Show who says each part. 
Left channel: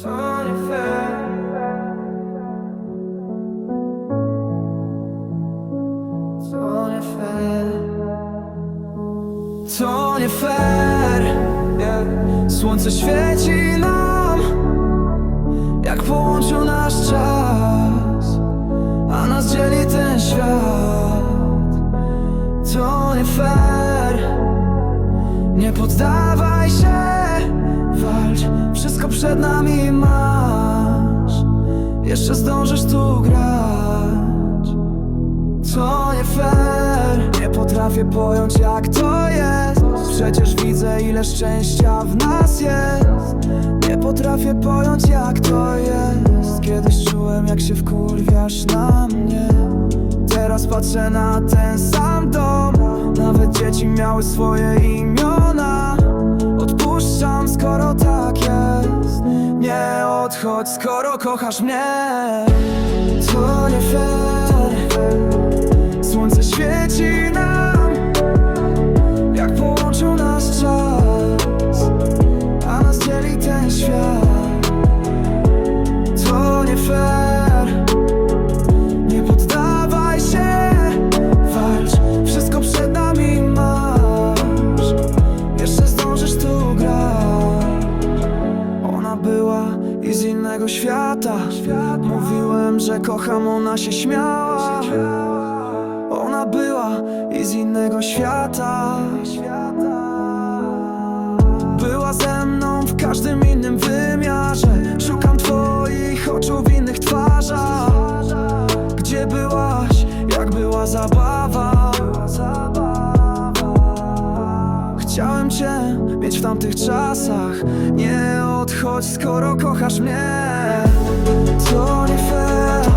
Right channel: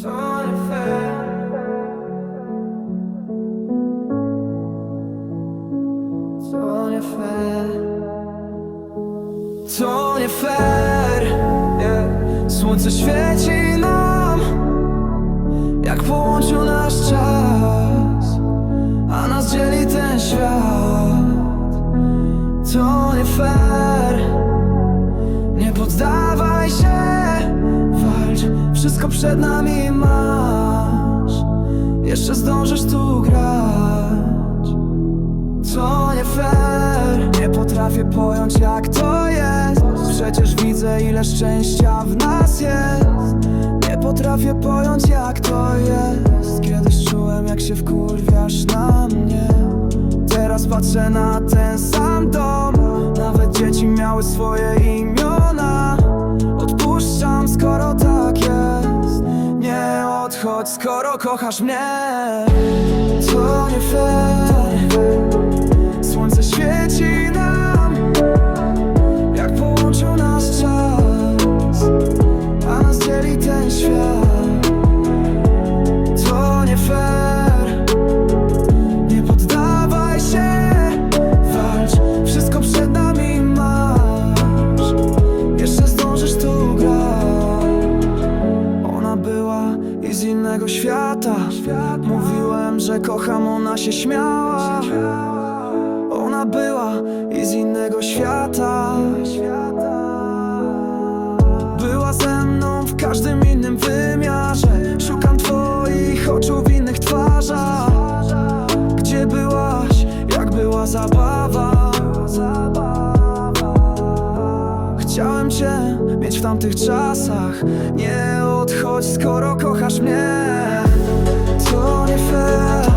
Speaker 1: To nie fair To. Słońce świeci nam Jak połączył nasz czas A nas dzieli ten świat. To nie fair Nie poddawaj się wszystko przed nami masz. Jeszcze zdążysz tu grać. To nie fair. Nie potrafię pojąć jak to jest. Przecież widzę ile szczęścia w nas jest. Nie potrafię pojąć jak to jest. Kiedyś czułem jak się wkurwiasz na mnie. Teraz patrzę na ten sam dom. Nawet dzieci miały swoje imiona odchodź skoro kochasz mnie. To nie fair. Słońce świeci nam Jak połączył nas czas A nas dzieli ten świat. To nie fair. Nie poddawaj się Walcz, wszystko przed nami masz. Jeszcze zdążysz tu grać. Ona była i z innego świata. Mówiłem, że kocham, ona się śmiała. Ona była i z innego świata. Była ze mną w każdym innym wymiarze. Szukam twoich oczu w innych twarzach. Gdzie byłaś, jak była zabawa Chciałem cię mieć w tamtych czasach. Nie odchodź, skoro kochasz mnie. To nie fair